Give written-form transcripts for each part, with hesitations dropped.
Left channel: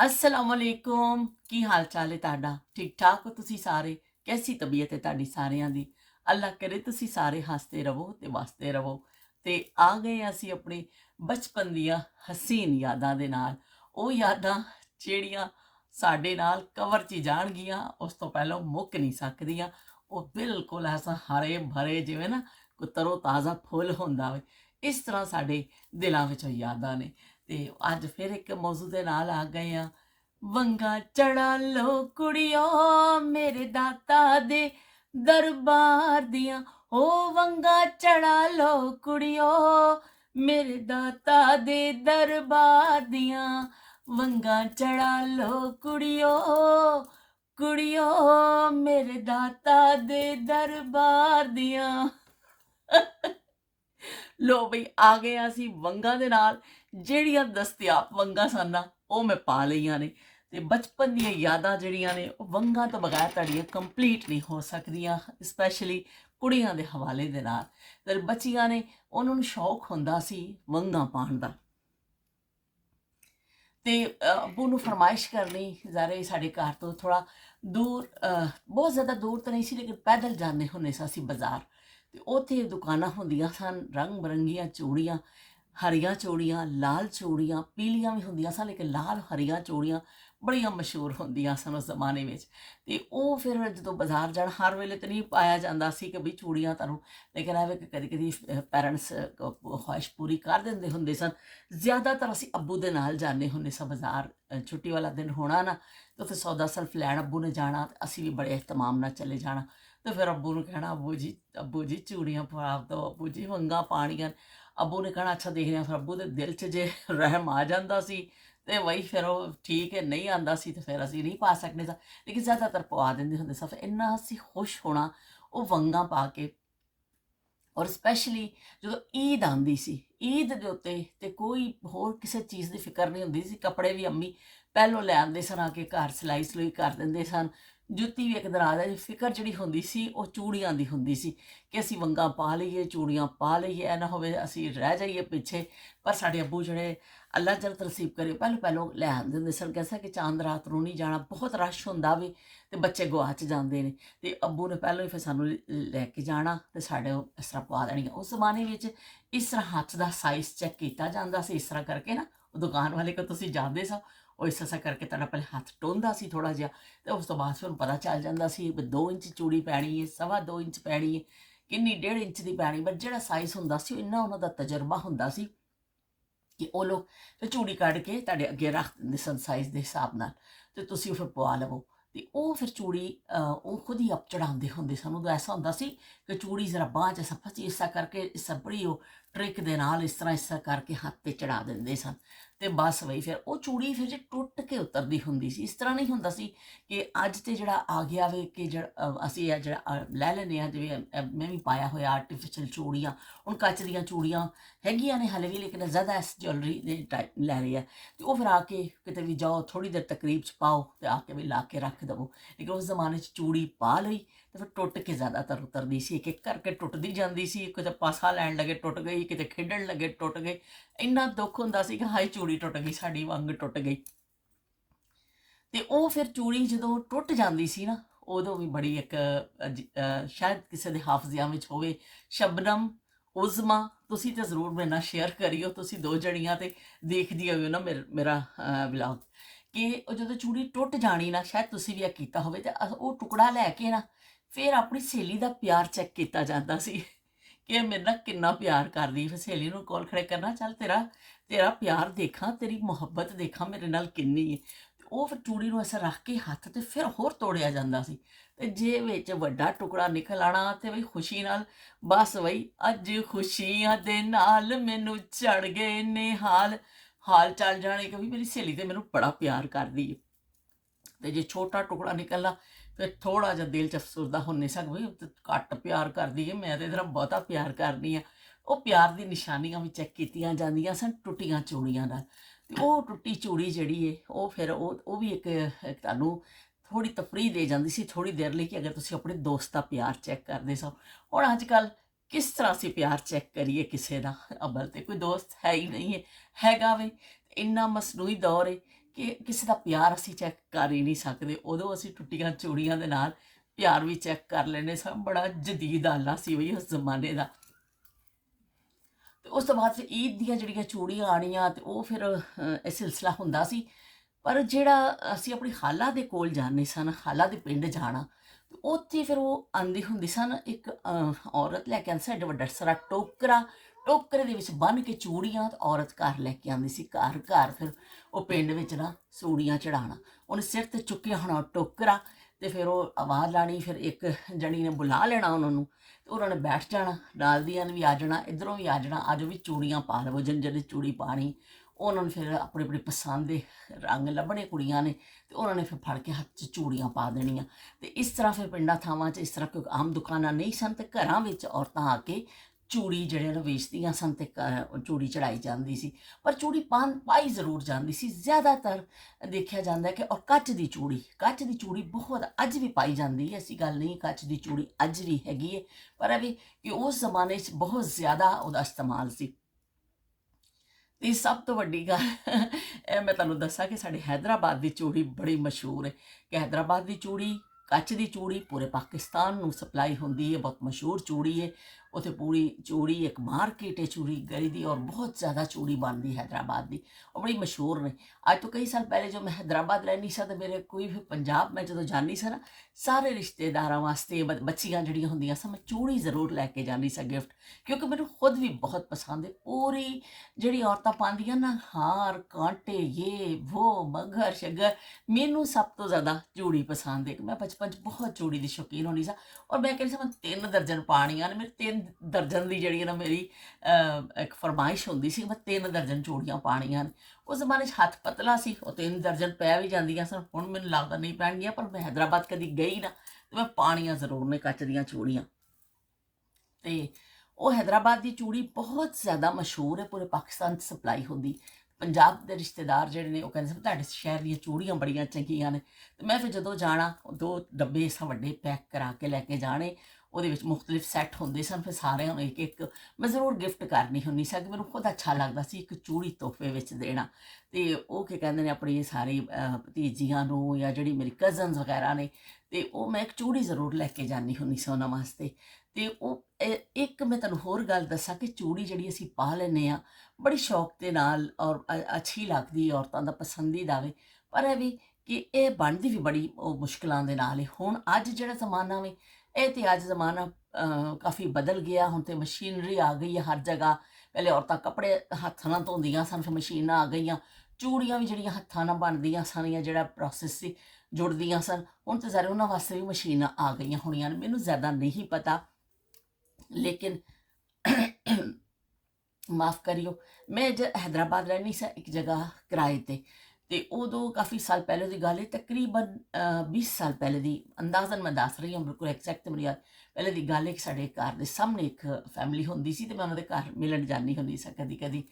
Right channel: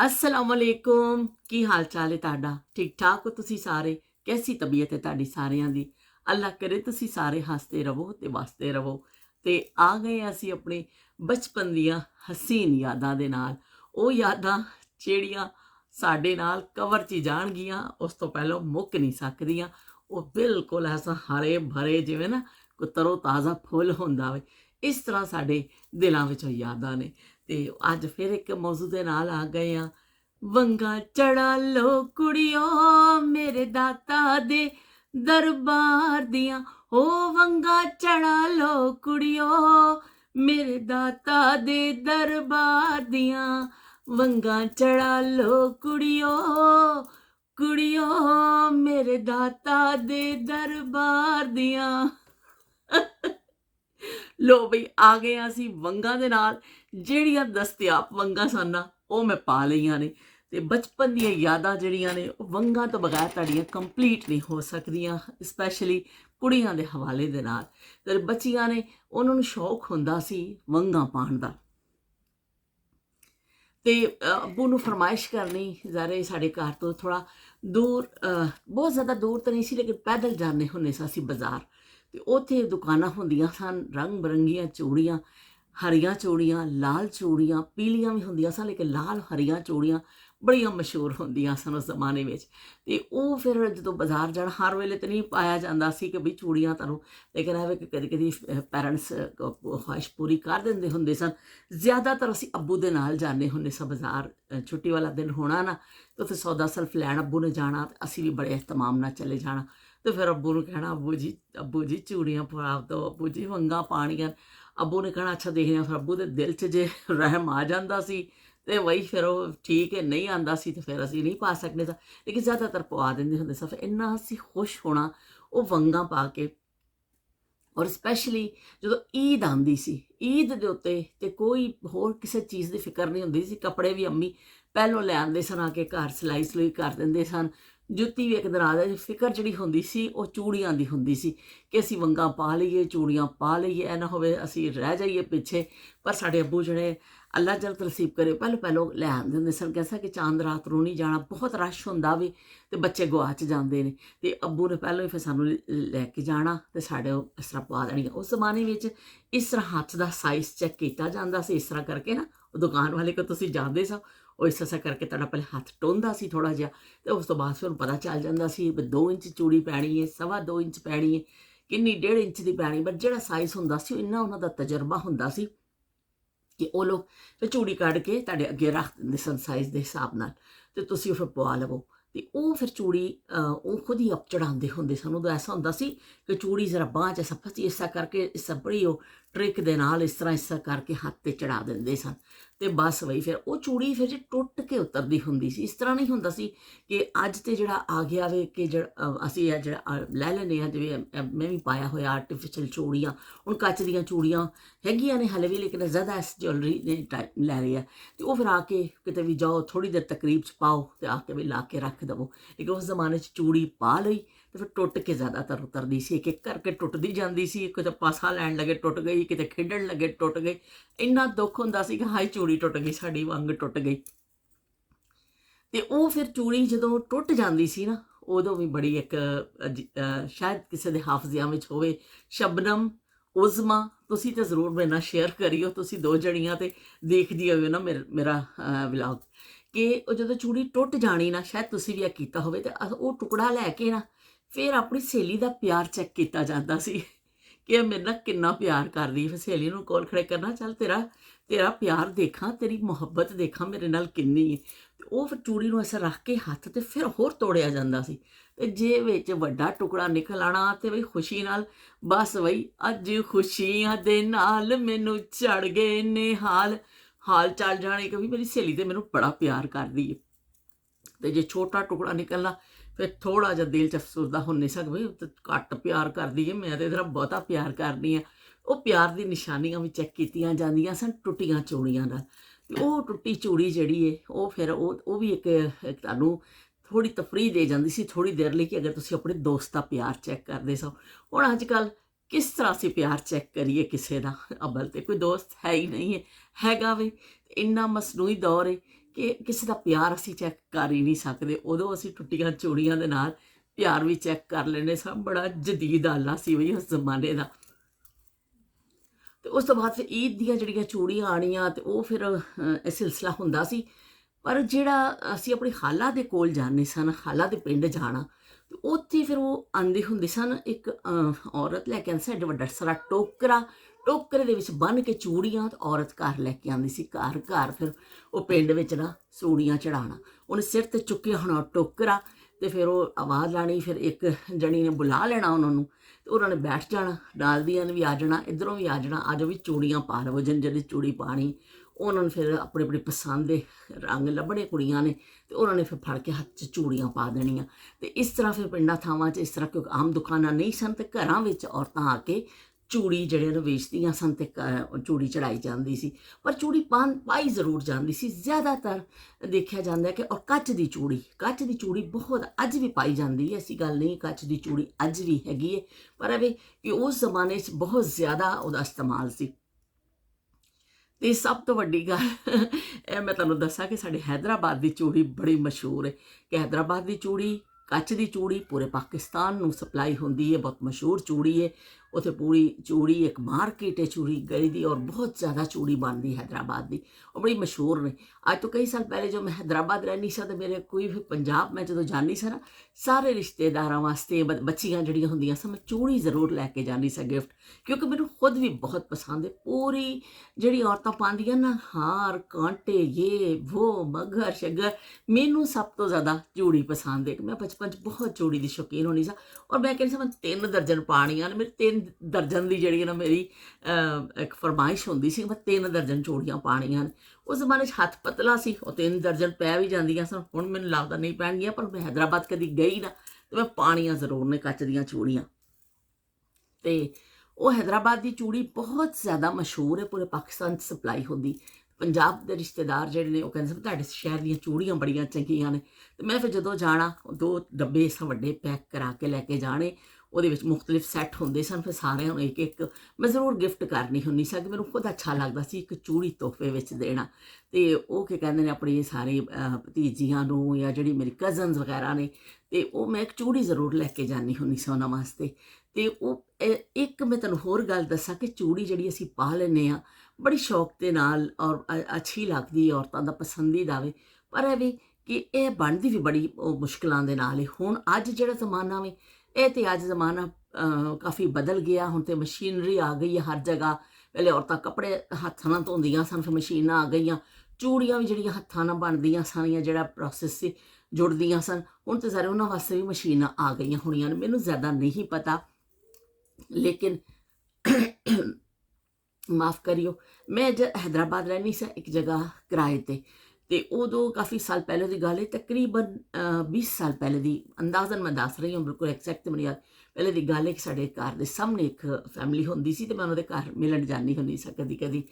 असलामुअलैकुम की हाल चाल है ਤੁਹਾਡਾ ठीक ठाक हो ਤੁਸੀਂ ਸਾਰੇ कैसी तबीयत है ਤੁਹਾਡੀ ਸਾਰਿਆਂ ਦੀ ਅੱਲਾ ਕਰੇ ਤੁਸੀਂ ਸਾਰੇ ਹੱਸਦੇ ਰਹੋ ਤੇ ਵਸਦੇ ਰਹੋ ਤੇ ਆ ਗਏ ਅਸੀਂ ਆਪਣੇ ਬਚਪਨ ਦੀਆਂ ਹਸੀਨ ਯਾਦਾਂ ਦੇ ਨਾਲ ਉਹ ਯਾਦਾਂ ਜਿਹੜੀਆਂ ਸਾਡੇ ਨਾਲ ਕਵਰ 'ਚ ਜਾਣਗੀਆਂ ਉਸ ਤੋਂ ਪਹਿਲਾਂ ਮੁੱਕ ਨਹੀਂ ਸਕਦੀਆਂ ਉਹ ਬਿਲਕੁਲ ਐਸਾ ਹਰੇ ਭਰੇ ਜਿਵੇਂ ਨਾ ਕੋਈ ਤਰੋ ਤਾਜ਼ਾ ਫੁੱਲ ਹੁੰਦਾ ਹੋਵੇ ਇਸ ਤਰ੍ਹਾਂ ਸਾਡੇ ਦਿਲਾਂ ਵਿੱਚ ਯਾਦਾਂ ਨੇ ਤੇ ਅੱਜ ਫਿਰ ਇੱਕ ਮੌਜੂ ਦੇ ਨਾਲ ਆ ਗਏ ਆ ਵੰਗਾ ਚੜਾ ਲੋ ਕੁੜੀਓ ਮੇਰੇ ਦਾਤਾ ਦੇ ਦਰਬਾਰ ਦੀਆਂ ਹੋ ਵੰਗਾ ਚੜਾ ਲੋ ਕੁੜੀਓ ਮੇਰੇ ਦਾਤਾ ਦੇ ਦਰਬਾਰ ਦੀਆਂ ਵੰਗਾ ਚੜਾ ਲੋ ਕੁੜੀਓ ਕੁੜੀਓ ਮੇਰੇ ਦਾਤਾ ਦੇ ਦਰਬਾਰ ਦੀਆਂ ਲੋ ਬਈ ਆ ਗਏ ਆ ਅਸੀਂ ਵੰਗਾਂ ਦੇ ਨਾਲ ਜਿਹੜੀਆਂ ਦਸਤਿਆਬ ਵੰਗਾਂ ਸਨ ਨਾ ਉਹ ਮੈਂ ਪਾ ਲਈਆਂ ਨੇ ਤੇ ਬਚਪਨ ਦੀਆਂ ਯਾਦਾਂ ਜਿਹੜੀਆਂ ਨੇ ਉਹ ਵੰਗਾਂ ਤੋਂ ਬਗੈਰ ਤੁਹਾਡੀਆਂ ਕੰਪਲੀਟ ਨਹੀਂ ਹੋ ਸਕਦੀਆਂ ਸਪੈਸ਼ਲੀ ਕੁੜੀਆਂ ਦੇ ਹਵਾਲੇ ਦੇ ਨਾਲ ਤੇ ਬੱਚੀਆਂ ਨੇ ਉਹਨਾਂ ਨੂੰ ਸ਼ੌਕ ਹੁੰਦਾ ਸੀ ਵੰਗਾਂ ਪਾਉਣ ਦਾ ਤੇ ਅੱਬੂ ਨੂੰ ਫਰਮਾਇਸ਼ ਕਰਨੀ ਜ਼ਾਰੇ ਸਾਡੇ ਘਰ ਤੋਂ ਥੋੜਾ ਦੂਰ ਬਹੁਤ ਜ਼ਿਆਦਾ ਦੂਰ ਤਾਂ ਨਹੀਂ ਸੀ ਲੇਕਿਨ ਪੈਦਲ ਜਾਂਦੇ ਹੁੰਦੇ ਸੀ ਅਸੀਂ ਬਾਜ਼ਾਰ ਤੇ ਉੱਥੇ ਦੁਕਾਨਾਂ ਹੁੰਦੀਆਂ ਸਨ ਰੰਗ ਬਰੰਗੀਆਂ ਚੂੜੀਆਂ ਹਰੀਆਂ ਚੂੜੀਆਂ ਲਾਲ ਚੂੜੀਆਂ ਪੀਲੀਆਂ ਵੀ ਹੁੰਦੀਆਂ ਸਨ ਲੇਕਿਨ ਲਾਲ ਹਰੀਆਂ ਚੂੜੀਆਂ ਬੜੀਆਂ ਮਸ਼ਹੂਰ ਹੁੰਦੀਆਂ ਸਨ ਉਸ ਜ਼ਮਾਨੇ ਵਿੱਚ ਤੇ ਉਹ ਫਿਰ ਜਦੋਂ ਬਾਜ਼ਾਰ ਜਾਣ ਹਰ ਵੇਲੇ ਤਾਂ ਨਹੀਂ ਪਾਇਆ ਜਾਂਦਾ ਸੀ ਕਿ ਵੀ ਚੂੜੀਆਂ ਤੁਹਾਨੂੰ ਲੇਕਿਨ ਐਵੇਂ ਕਿ ਕਦੀ ਕਦੀ ਪੈਰੈਂਟਸ ਖੁਆਇਸ਼ ਪੂਰੀ ਕਰ ਦਿੰਦੇ ਹੁੰਦੇ ਸਨ ਜ਼ਿਆਦਾਤਰ ਅਸੀਂ ਅੱਬੂ ਦੇ ਨਾਲ ਜਾਂਦੇ ਹੁੰਦੇ ਸਾਂ ਬਾਜ਼ਾਰ ਛੁੱਟੀ ਵਾਲਾ ਦਿਨ ਹੋਣਾ ਨਾ ਤੇ ਉੱਥੇ ਸੌਦਾ ਸਲਫ ਲੈਣ ਅੱਬੂ ਨੇ ਜਾਣਾ ਤੇ ਅਸੀਂ ਵੀ ਬੜੇ ਇਹਤਮਾਮ ਨਾਲ ਚਲੇ ਜਾਣਾ ਤੇ ਫਿਰ ਅੱਬੂ ਨੂੰ ਕਹਿਣਾ ਅੱਬੂ ਜੀ ਚੂੜੀਆਂ ਪਾ ਦਿਓ ਅੱਬੂ ਜੀ ਵੰਗਾਂ ਪਾਉਣੀਆਂ ਅੱਬੂ ਨੇ ਕਹਿਣਾ ਅੱਛਾ ਦੇਖਦੇ ਹਾਂ ਫਿਰ ਅੱਬੂ ਦੇ ਦਿਲ 'ਚ ਜੇ ਰਹਿਮ ਆ ਜਾਂਦਾ ਸੀ ਤੇ ਵਹੀ ਫਿਰ ਉਹ ਠੀਕ ਹੈ ਨਹੀਂ ਆਉਂਦਾ ਸੀ ਤੇ ਫਿਰ ਅਸੀਂ ਨਹੀਂ ਪਾ ਸਕਦੇ ਸਾਂ ਲੇਕਿਨ ਜ਼ਿਆਦਾਤਰ ਪਵਾ ਦਿੰਦੇ ਹੁੰਦੇ ਸਾਂ ਫਿਰ ਇੰਨਾ ਅਸੀਂ ਖੁਸ਼ ਹੋਣਾ ਉਹ ਵੰਗਾਂ ਪਾ ਕੇ ਔਰ ਸਪੈਸ਼ਲੀ ਜਦੋਂ ਈਦ ਆਉਂਦੀ ਸੀ ਈਦ ਦੇ ਉੱਤੇ ਤੇ ਕੋਈ ਹੋਰ ਕਿਸੇ ਚੀਜ਼ ਦੀ ਫਿਕਰ ਨਹੀਂ ਹੁੰਦੀ ਸੀ ਕੱਪੜੇ ਵੀ ਅੰਮੀ ਪਹਿਲੋਂ ਲੈ ਆਉਂਦੇ ਸਨ ਆ ਕੇ ਘਰ ਸਿਲਾਈ ਸਲੂਈ ਕਰ ਦਿੰਦੇ ਸਨ ਜੁੱਤੀ ਵੀ ਇੱਕ ਦਰਾਜ ਦੀ ਫਿਕਰ ਜਿਹੜੀ ਹੁੰਦੀ ਸੀ ਉਹ ਚੂੜੀਆਂ ਦੀ ਹੁੰਦੀ ਸੀ ਕਿ ਅਸੀਂ ਵੰਗਾਂ ਪਾ ਲਈਏ ਚੂੜੀਆਂ ਪਾ ਲਈਏ ਇਹ ਨਾ ਹੋਵੇ ਅਸੀਂ ਰਹਿ ਜਾਈਏ ਪਿੱਛੇ ਪਰ ਸਾਡੇ ਅੱਬੂ ਜਿਹੜੇ ਅੱਲਾ ਜਲ ਤਨਸੀਬ ਕਰੇ ਪਹਿਲੋਂ ਲੈ ਆਉਂਦੇ ਹੁੰਦੇ ਸਨ ਕਹਿੰਦਾ ਕਿ ਚਾਂਦ ਰਾਤ ਨੂੰ ਨਹੀਂ ਜਾਣਾ ਬਹੁਤ ਰਸ਼ ਹੁੰਦਾ ਵੀ ਤੇ ਬੱਚੇ ਗੁਆਚ ਜਾਂਦੇ ਨੇ ਤੇ ਅੱਬੂ ਨੇ ਪਹਿਲਾਂ ਹੀ ਫਿਰ ਸਾਨੂੰ ਲੈ ਕੇ ਜਾਣਾ ਤੇ ਸਾਡੇ ਉਹ ਇਸ ਤਰ੍ਹਾਂ ਪਾ ਦੇਣੀਆਂ ਉਸ ਜ਼ਮਾਨੇ ਵਿੱਚ ਇਸ ਤਰ੍ਹਾਂ ਹੱਥ ਦਾ ਸਾਈਜ਼ ਚੈੱਕ ਕੀਤਾ ਜਾਂਦਾ ਸੀ ਇਸ ਤਰ੍ਹਾਂ ਕਰਕੇ ਨਾ ਉਹ ਦੁਕਾਨ ਵਾਲੇ ਕੋਲ ਤੁਸੀਂ ਜਾਂਦੇ ਸੋ ਉਹ ਇਸ ਤਰ੍ਹਾਂ ਕਰਕੇ ਤੁਹਾਡਾ ਪਹਿਲੇ ਹੱਥ ਟੋਂਦਾ ਸੀ ਥੋੜ੍ਹਾ ਜਿਹਾ ਤੇ ਉਸ ਤੋਂ ਬਾਅਦ ਫਿਰ ਪਤਾ ਚੱਲ ਜਾਂਦਾ ਸੀ 2 ਇੰਚ ਚੂੜੀ ਪੈਣੀ ਹੈ 2.25 ਇੰਚ ਪੈਣੀ ਹੈ ਕਿੰਨੀ 1.5 ਇੰਚ ਦੀ ਪੈਣੀ ਬਟ ਜਿਹੜਾ ਸਾਈਜ਼ ਹੁੰਦਾ ਸੀ ਇੰਨਾ ਉਹਨਾਂ ਦਾ ਤਜਰਬਾ ਹੁੰਦਾ ਸੀ ਕਿ ਉਹ ਲੋਕ ਫਿਰ ਚੂੜੀ ਕੱਢ ਕੇ ਤੁਹਾਡੇ ਅੱਗੇ ਰੱਖ ਦਿੰਦੇ ਸਨ ਸਾਈਜ਼ ਦੇ ਹਿਸਾਬ ਨਾਲ ਤੇ ਤੁਸੀਂ ਫਿਰ ਪਵਾ ਲਵੋ ਤੇ ਉਹ ਫਿਰ ਚੂੜੀ ਉਹ ਖੁਦ ਹੀ ਅਪ ਚੜਾਉਂਦੇ ਹੁੰਦੇ ਸਨ ਉਦੋਂ ਐਸਾ ਹੁੰਦਾ ਸੀ ਕਿ ਚੂੜੀ ਜ਼ਰਾ ਬਾਂਹ 'ਚ ਫਸੀ ਇਸ ਤਰ੍ਹਾਂ ਕਰਕੇ ਇਸ ਬੜੀ ਉਹ ਟ੍ਰਿਕ ਦੇ ਨਾਲ ਇਸ ਤਰ੍ਹਾਂ ਕਰਕੇ ਹੱਥ 'ਤੇ ਚੜਾ ਦਿੰਦੇ ਸਨ ਤੇ ਬਸ ਵਈ ਫਿਰ ਉਹ ਚੂੜੀ ਫਿਰ ਜੇ ਟੁੱਟ ਕੇ ਉਤਰਦੀ ਹੁੰਦੀ ਸੀ ਇਸ ਤਰ੍ਹਾਂ ਨਹੀਂ ਹੁੰਦਾ ਸੀ ਕਿ ਅੱਜ ਤੇ ਜਿਹੜਾ ਆ ਗਿਆ ਵੇ ਕਿ ਅਸੀਂ ਇਹ ਜਿਹੜਾ ਲੈ ਲੈਂਦੇ ਹਾਂ ਜਿਵੇਂ ਮੈਂ ਵੀ ਪਾਇਆ ਹੋਇਆ ਆਰਟੀਫਿਸ਼ਲ ਚੂੜੀਆਂ ਹੁਣ ਕੱਚ ਦੀਆਂ ਚੂੜੀਆਂ ਹੈਗੀਆਂ ਨੇ ਹਲੇ ਵੀ ਲੇਕਿਨ ਜ਼ਿਆਦਾ ਇਸ ਜੁਐਲਰੀ ਦੇ ਲੈ ਰਹੀ ਹੈ ਤੇ ਉਹ ਫਿਰ ਆ ਕੇ ਕਿਤੇ ਵੀ ਜਾਓ ਥੋੜ੍ਹੀ ਦੇਰ ਤਕਰੀਬ 'ਚ ਪਾਓ ਤੇ ਆ ਕੇ ਵੀ ਲਾ ਕੇ ਰੱਖ ਦੇਵੋ ਲੇਕਿਨ ਉਸ ਜ਼ਮਾਨੇ 'ਚ ਚੂੜੀ ਪਾ ਲਈ ਤੇ ਫਿਰ ਟੁੱਟ ਕੇ ਜ਼ਿਆਦਾਤਰ ਉਤਰਦੀ ਸੀ ਇੱਕ ਇੱਕ ਕਰਕੇ ਟੁੱਟਦੀ ਜਾਂਦੀ ਸੀ ਕਿਤੇ ਪਾਸਾ ਲੈਣ ਲੱਗੇ ਟੁੱਟ ਗਈ ਕਿਤੇ ਖੇਡਣ ਲੱਗੇ ਟੁੱਟ ਗਈ ਇੰਨਾ ਦੁੱਖ ਹੁੰਦਾ ਸੀ ਕਿ ਹਾਈ ਚੂੜੀ ਟੁੱਟ ਗਈ ਸਾਡੀ ਵੰਗ ਟੁੱਟ ਗਈ ਤੇ ਉਹ ਫਿਰ ਚੂੜੀ ਜਦੋਂ ਟੁੱਟ ਜਾਂਦੀ ਸੀ ਨਾ ਉਦੋਂ ਵੀ ਬੜੀ ਇੱਕ ਸ਼ਾਇਦ ਕਿਸੇ ਦੇ ਹਾਫਜ਼ਿਆਂ ਵਿੱਚ ਹੋਵੇ ਸ਼ਬਨਮ ਉਜ਼ਮਾ ਤੁਸੀਂ ਤਾਂ ਜ਼ਰੂਰ ਮੇਰੇ ਨਾਲ ਸ਼ੇਅਰ ਕਰਿਓ ਤੁਸੀਂ ਦੋ ਜਣੀਆਂ ਤੇ ਦੇਖਦੀ ਹੋਵੇ ਨਾ ਮੇਰਾ ਵਲੌਗ ਕਿ ਉਹ ਜਦੋਂ ਚੂੜੀ ਟੁੱਟ ਜਾਣੀ ਨਾ ਸ਼ਾਇਦ ਤੁਸੀਂ ਵੀ ਇਹ ਕੀਤਾ ਹੋਵੇ ਤੇ ਉਹ ਟੁਕੜਾ ਲੈ ਕੇ ਨਾ ਫਿਰ ਆਪਣੀ ਸਹੇਲੀ ਦਾ ਪਿਆਰ ਚੈੱਕ ਕੀਤਾ ਜਾਂਦਾ ਸੀ ਕਿ ਮੇਰੇ ਨਾਲ ਕਿੰਨਾ ਪਿਆਰ ਕਰਦੀ ਫਿਰ ਸਹੇਲੀ ਨੂੰ ਕੋਲ ਖੜੇ ਕਰਨਾ ਚੱਲ ਤੇਰਾ ਪਿਆਰ ਦੇਖਾਂ ਤੇਰੀ ਮੁਹੱਬਤ ਦੇਖਾਂ ਮੇਰੇ ਨਾਲ ਕਿੰਨੀ ਹੈ ਤੇ ਉਹ ਫਿਰ ਚੂੜੀ ਨੂੰ ਐਸਾ ਰੱਖ ਕੇ ਹੱਥ ਤੇ ਫਿਰ ਹੋਰ ਤੋੜਿਆ ਜਾਂਦਾ ਸੀ ਤੇ ਜੇ ਵਿੱਚ ਵੱਡਾ ਟੁਕੜਾ ਨਿਕਲ ਆਣਾ ਤੇ ਬਈ ਖੁਸ਼ੀ ਨਾਲ ਬਸ ਬਈ ਅੱਜ ਖੁਸ਼ੀਆਂ ਦੇ ਨਾਲ ਮੈਨੂੰ ਚੜ ਗਏ ਨੇ ਹਾਲ ਚੱਲ ਜਾਣੇ ਕਿ ਵੀ ਮੇਰੀ ਸਹੇਲੀ ਤੇ ਮੈਨੂੰ ਬੜਾ ਪਿਆਰ ਕਰਦੀ ਹੈ ਤੇ ਜੇ ਛੋਟਾ ਟੁਕੜਾ ਨਿਕਲਣਾ ਫਿਰ ਥੋੜ੍ਹਾ ਜਿਹਾ ਦਿਲ 'ਚ ਅਫਸੋਸਦਾ ਹੋ ਨਹੀਂ ਸਕਦਾ ਬਈ ਘੱਟ ਪਿਆਰ ਕਰਦੀ ਹੈ ਮੈਂ ਤਾਂ ਇਹਦਾ ਬਹੁਤਾ ਪਿਆਰ ਕਰਦੀ ਹਾਂ ਉਹ ਪਿਆਰ ਦੀ ਨਿਸ਼ਾਨੀਆਂ ਵੀ ਚੈੱਕ ਕੀਤੀਆਂ ਜਾਂਦੀਆਂ ਸਨ ਟੁੱਟੀਆਂ ਚੂੜੀਆਂ ਨਾਲ ਤੇ ਉਹ ਟੁੱਟੀ ਚੂੜੀ ਜਿਹੜੀ ਹੈ ਉਹ ਫਿਰ ਉਹ ਵੀ ਇੱਕ ਤੁਹਾਨੂੰ ਥੋੜ੍ਹੀ ਤਫਰੀਹ ਦੇ ਜਾਂਦੀ ਸੀ ਥੋੜ੍ਹੀ ਦੇਰ ਲਈ ਕਿ ਅਗਰ ਤੁਸੀਂ ਆਪਣੇ ਦੋਸਤ ਦਾ ਪਿਆਰ ਚੈੱਕ ਕਰਦੇ ਸੋ ਹੁਣ ਅੱਜ ਕੱਲ੍ਹ ਕਿਸ ਤਰ੍ਹਾਂ ਅਸੀਂ ਪਿਆਰ ਚੈੱਕ ਕਰੀਏ ਕਿਸੇ ਦਾ ਅਬਲ ਤੇ ਕੋਈ ਦੋਸਤ ਹੈ ਹੀ ਨਹੀਂ ਹੈ ਹੈਗਾ ਵੇ ਇੰਨਾ ਮਸਨੂਈ ਦੌਰ ਹੈ ਕਿ ਕਿਸੇ ਦਾ ਪਿਆਰ ਅਸੀਂ ਚੈੱਕ ਕਰ ਹੀ ਨਹੀਂ ਸਕਦੇ। ਉਦੋਂ ਅਸੀਂ ਟੁੱਟੀਆਂ ਚੂੜੀਆਂ ਦੇ ਨਾਲ ਪਿਆਰ ਵੀ ਚੈੱਕ ਕਰ ਲੈਂਦੇ ਸਾਂ। ਬੜਾ ਜਦੀਦ ਆਲਾ ਸੀ ਬਈ ਉਸ ਜ਼ਮਾਨੇ ਦਾ। ਤੇ ਉਸ ਤੋਂ ਬਾਅਦ ਫਿਰ ਈਦ ਦੀਆਂ ਜਿਹੜੀਆਂ ਚੂੜੀਆਂ ਆਉਣੀਆਂ ਤੇ ਉਹ ਫਿਰ ਇਹ ਸਿਲਸਿਲਾ ਹੁੰਦਾ ਸੀ। ਪਰ ਜਿਹੜਾ ਅਸੀਂ ਆਪਣੀ ਖਾਲਾ ਦੇ ਕੋਲ ਜਾਂਦੇ ਸਨ, ਖਾਲਾ ਦੇ ਪਿੰਡ ਜਾਣਾ, ਤੇ ਉੱਥੇ ਫਿਰ ਉਹ ਆਉਂਦੇ ਹੁੰਦੇ ਸਨ, ਇੱਕ ਔਰਤ ਲੈ ਕੇ ਆਉਂਦੀ ਸੀ, ਐਡਾ ਵੱਡਾ ਸਾਰਾ ਟੋਕਰਾ, ਟੋਕਰੇ ਦੇ ਵਿੱਚ ਬੰਨ੍ਹ ਕੇ ਚੂੜੀਆਂ ਤੇ ਔਰਤ ਘਰ ਲੈ ਕੇ ਆਉਂਦੀ ਸੀ। ਘਰ ਘਰ ਫਿਰ ਉਹ ਪਿੰਡ ਵਿੱਚ ਨਾ ਚੂੜੀਆਂ ਚੜਾਉਣਾ, ਉਹਨੇ ਸਿਰ ਤੇ ਚੁੱਕਿਆ ਹੋਣਾ ਉਹ ਟੋਕਰਾ, ਤੇ ਫਿਰ ਉਹ ਆਵਾਜ਼ ਲਾਣੀ, ਫਿਰ ਇੱਕ ਜਣੀ ਨੇ ਬੁਲਾ ਲੈਣਾ ਉਹਨਾਂ ਨੂੰ, ਤੇ ਉਹਨਾਂ ਨੇ ਬੈਠ ਜਾਣਾ, ਨਾਲ ਦੀਆਂ ਨੇ ਵੀ ਆ ਜਾਣਾ, ਇੱਧਰੋਂ ਵੀ ਆ ਜਾਣਾ, ਅੱਜ ਵੀ ਚੂੜੀਆਂ ਪਾ ਲਵੋ, ਜਿਹੜੀ ਚੂੜੀ ਪਾਣੀ। ਉਹਨਾਂ ਨੂੰ ਫਿਰ ਆਪਣੇ ਆਪਣੇ ਪਸੰਦ ਦੇ ਰੰਗ ਲੱਭਣੇ ਕੁੜੀਆਂ ਨੇ, ਤੇ ਉਹਨਾਂ ਨੇ ਫਿਰ ਫੜ ਕੇ ਹੱਥ 'ਚ ਚੂੜੀਆਂ ਪਾ ਦੇਣੀਆਂ। ਤੇ ਇਸ ਤਰ੍ਹਾਂ ਫਿਰ ਪਿੰਡਾਂ ਥਾਵਾਂ 'ਚ ਇਸ ਤਰ੍ਹਾਂ, ਕਿਉਂਕਿ ਆਮ ਦੁਕਾਨਾਂ ਨਹੀਂ ਸਨ, ਤੇ ਘਰਾਂ ਵਿੱਚ ਔਰਤਾਂ ਆ ਕੇ ਚੂੜੀ ਜਿਹੜੇ ਨੇ ਵੇਚਦੀਆਂ ਸਨ, ਤੇ ਚੂੜੀ ਚੜਾਈ ਜਾਂਦੀ ਸੀ। ਪਰ ਚੂੜੀ ਪਾਈ ਜ਼ਰੂਰ ਜਾਂਦੀ ਸੀ। ਜ਼ਿਆਦਾਤਰ ਦੇਖਿਆ ਜਾਂਦਾ ਹੈ ਕਿ ਔਰ ਕੱਚ ਦੀ ਚੂੜੀ ਬਹੁਤ ਅੱਜ ਵੀ ਪਾਈ ਜਾਂਦੀ ਹੈ। ਐਸੀ ਗੱਲ ਨਹੀਂ, ਕੱਚ ਦੀ ਚੂੜੀ ਅੱਜ ਵੀ ਹੈਗੀ ਹੈ, ਪਰ ਇਹ ਕਿ ਉਸ ਜ਼ਮਾਨੇ 'ਚ ਬਹੁਤ ਜ਼ਿਆਦਾ ਉਹਦਾ ਇਸਤੇਮਾਲ ਸੀ। ਤੇ ਸਭ ਤੋਂ ਵੱਡੀ ਗੱਲ ਇਹ ਮੈਂ ਤੁਹਾਨੂੰ ਦੱਸਾਂ ਕਿ ਸਾਡੇ ਹੈਦਰਾਬਾਦ ਦੀ ਚੂੜੀ ਬੜੀ ਮਸ਼ਹੂਰ ਹੈ, ਕਿ ਹੈਦਰਾਬਾਦ ਦੀ ਚੂੜੀ, ਕੱਚ ਦੀ ਚੂੜੀ ਪੂਰੇ ਪਾਕਿਸਤਾਨ ਨੂੰ ਸਪਲਾਈ ਹੁੰਦੀ ਹੈ, ਬਹੁਤ ਮਸ਼ਹੂਰ ਚੂੜੀ ਹੈ। ਉੱਥੇ ਪੂਰੀ ਚੂੜੀ ਇੱਕ ਮਾਰਕੀਟ ਹੈ ਚੂੜੀ ਗਈ ਦੀ, ਔਰ ਬਹੁਤ ਜ਼ਿਆਦਾ ਚੂੜੀ ਬਣਦੀ ਹੈਦਰਾਬਾਦ ਦੀ, ਉਹ ਬੜੀ ਮਸ਼ਹੂਰ ਨੇ। ਅੱਜ ਤੋਂ ਕਈ ਸਾਲ ਪਹਿਲੇ ਜੋ ਮੈਂ ਹੈਦਰਾਬਾਦ ਰਹਿੰਦੀ ਸਾਂ, ਤੇ ਮੇਰੇ ਕੋਈ ਵੀ ਪੰਜਾਬ ਮੈਂ ਜਦੋਂ ਜਾਂਦੀ ਸਾਂ ਨਾ, ਸਾਰੇ ਰਿਸ਼ਤੇਦਾਰਾਂ ਵਾਸਤੇ ਬੱਚੀਆਂ ਜਿਹੜੀਆਂ ਹੁੰਦੀਆਂ ਸਨ, ਮੈਂ ਚੂੜੀ ਜ਼ਰੂਰ ਲੈ ਕੇ ਜਾਂਦੀ ਸਾਂ ਗਿਫਟ, ਕਿਉਂਕਿ ਮੈਨੂੰ ਖੁਦ ਵੀ ਬਹੁਤ ਪਸੰਦ ਹੈ। ਪੂਰੀ ਜਿਹੜੀ ਔਰਤਾਂ ਪਾਉਂਦੀਆਂ ਨਾ, ਹਾਰ ਕਾਂਟੇ, ਇਹ ਵੋ ਮਗਰ ਸ਼ਗਰ, ਮੈਨੂੰ ਸਭ ਤੋਂ ਜ਼ਿਆਦਾ ਚੂੜੀ ਪਸੰਦ ਹੈ। ਮੈਂ ਬਚਪਨ 'ਚ ਬਹੁਤ ਚੂੜੀ ਦੀ ਸ਼ੌਕੀਨ ਹੋਣੀ ਸਾਂ, ਔਰ ਮੈਂ ਕਹਿੰਦੀ ਸਾਂ ਮੈਂ 3 ਦਰਜਨ ਪਾਉਣੀਆਂ ਨੇ। ਮੇਰੀ 3 ਦਰਜਨ ਦੀ ਜਿਹੜੀ ਨਾ ਮੇਰੀ ਇੱਕ ਫਰਮਾਇਸ਼ ਹੁੰਦੀ ਸੀ, ਮੈਂ 3 ਦਰਜਨ ਚੂੜੀਆਂ ਪਾਉਣੀਆਂ ਨੇ। ਉਸ ਜ਼ਮਾਨੇ 'ਚ ਹੱਥ ਪਤਲਾ ਸੀ, ਉਹ 3 ਦਰਜਨ ਪੈ ਵੀ ਜਾਂਦੀਆਂ ਸਨ। ਹੁਣ ਮੈਨੂੰ ਲੱਗਦਾ ਨਹੀਂ ਪੈਣਗੀਆਂ, ਪਰ ਮੈਂ ਹੈਦਰਾਬਾਦ ਕਦੀ ਗਈ ਨਾ, ਤੇ ਮੈਂ ਪਾਉਣੀਆਂ ਜ਼ਰੂਰ ਨੇ ਕੱਚ ਦੀਆਂ ਚੂੜੀਆਂ। ਤੇ ਉਹ ਹੈਦਰਾਬਾਦ ਦੀ ਚੂੜੀ ਬਹੁਤ ਜ਼ਿਆਦਾ ਮਸ਼ਹੂਰ ਹੈ, ਪੂਰੇ ਪਾਕਿਸਤਾਨ 'ਚ ਸਪਲਾਈ ਹੁੰਦੀ। ਪੰਜਾਬ ਦੇ ਰਿਸ਼ਤੇਦਾਰ ਜਿਹੜੇ ਨੇ ਉਹ ਕਹਿੰਦੇ ਸਨ ਤੁਹਾਡੇ ਸ਼ਹਿਰ ਦੀਆਂ ਚੂੜੀਆਂ ਬੜੀਆਂ ਚੰਗੀਆਂ ਨੇ। ਤੇ ਮੈਂ ਫਿਰ ਜਦੋਂ ਜਾਣਾ, 2 ਡੱਬੇ ਇਸ ਵੱਡੇ ਪੈਕ ਕਰਾ ਕੇ ਲੈ ਕੇ ਜਾਣੇ, ਉਹਦੇ ਵਿੱਚ ਮੁਖਤਲਿਫ ਸੈੱਟ ਹੁੰਦੇ ਸਨ। ਫਿਰ ਸਾਰਿਆਂ ਨੂੰ ਇੱਕ ਇੱਕ ਮੈਂ ਜ਼ਰੂਰ ਗਿਫਟ ਕਰਨੀ ਹੁੰਦੀ ਸੀ, ਕਿ ਮੈਨੂੰ ਖੁਦ ਅੱਛਾ ਲੱਗਦਾ ਸੀ ਇੱਕ ਚੂੜੀ ਤੋਹਫੇ ਵਿੱਚ ਦੇਣਾ। ਤੇ ਉਹ ਕੀ ਕਹਿੰਦੇ ਨੇ, ਆਪਣੀ ਸਾਰੀ ਭਤੀਜੀਆਂ ਨੂੰ, ਜਾਂ ਜਿਹੜੀ ਮੇਰੀ ਕਜ਼ਨਸ ਵਗੈਰਾ ਨੇ, ਤੇ ਉਹ ਮੈਂ ਇੱਕ ਚੂੜੀ ਜ਼ਰੂਰ ਲੈ ਕੇ ਜਾਂਦੀ ਹੁੰਦੀ ਸੀ ਉਹਨਾਂ ਵਾਸਤੇ। ਤੇ ਉਹ ਇੱਕ ਮੈਂ ਤੁਹਾਨੂੰ ਹੋਰ ਗੱਲ ਦੱਸਾਂ ਕਿ ਚੂੜੀ ਜਿਹੜੀ ਅਸੀਂ ਪਾ ਲੈਂਦੇ ਹਾਂ ਬੜੀ ਸ਼ੌਕ ਦੇ ਨਾਲ, ਔਰ ਅੱਛੀ ਲੱਗਦੀ, ਔਰਤਾਂ ਦਾ ਪਸੰਦੀਦਾ ਵੇ। ਪਰ ਇਹ ਵੀ ਕਿ ਇਹ ਬਣਦੀ ਵੀ ਬੜੀ ਉਹ ਮੁਸ਼ਕਿਲਾਂ ਦੇ ਨਾਲ ਹੈ। ਹੁਣ ਅੱਜ ਜਿਹੜਾ ਜ਼ਮਾਨਾ ਵੇ, ਇਹ ਤੇ ਅੱਜ ਜ਼ਮਾਨਾ ਕਾਫੀ ਬਦਲ ਗਿਆ। ਹੁਣ ਤੇ ਮਸ਼ੀਨਰੀ ਆ ਗਈ ਹੈ ਹਰ ਜਗ੍ਹਾ। ਪਹਿਲੇ ਔਰਤਾਂ ਕੱਪੜੇ ਹੱਥਾਂ ਨਾਲ ਧੋਂਦੀਆਂ ਸਨ, ਫਿਰ ਮਸ਼ੀਨਾਂ ਆ ਗਈਆਂ। ਚੂੜੀਆਂ ਵੀ ਜਿਹੜੀਆਂ ਹੱਥਾਂ ਨਾਲ ਬਣਦੀਆਂ ਸਨ, ਜਾਂ ਜਿਹੜਾ ਪ੍ਰੋਸੈਸ ਸੀ ਜੁੜਦੀਆਂ ਸਨ, ਹੁਣ ਤੇ ਸਾਰੇ ਉਹਨਾਂ ਵਾਸਤੇ ਵੀ ਮਸ਼ੀਨਾਂ ਆ ਗਈਆਂ ਹੋਣੀਆਂ ਨੇ। ਮੈਨੂੰ ਜ਼ਿਆਦਾ ਨਹੀਂ ਪਤਾ, ਲੇਕਿਨ ਮਾफ़ करियो, मैं जब हैदराबाद रहनी सा एक जगह किराए ते उदों काफ़ी साल पहले की गल है, तकरीबन 20 साल पहले की, अंदाज़न मैं दस रही हूँ, बिल्कुल एग्जैक्ट मेरी याद पहले की गल है कि साढ़े घर के सामने एक फैमिली होंदी सी, ते मैं उन्होंने घर मिलन जानी होंदी सी, कदी कदी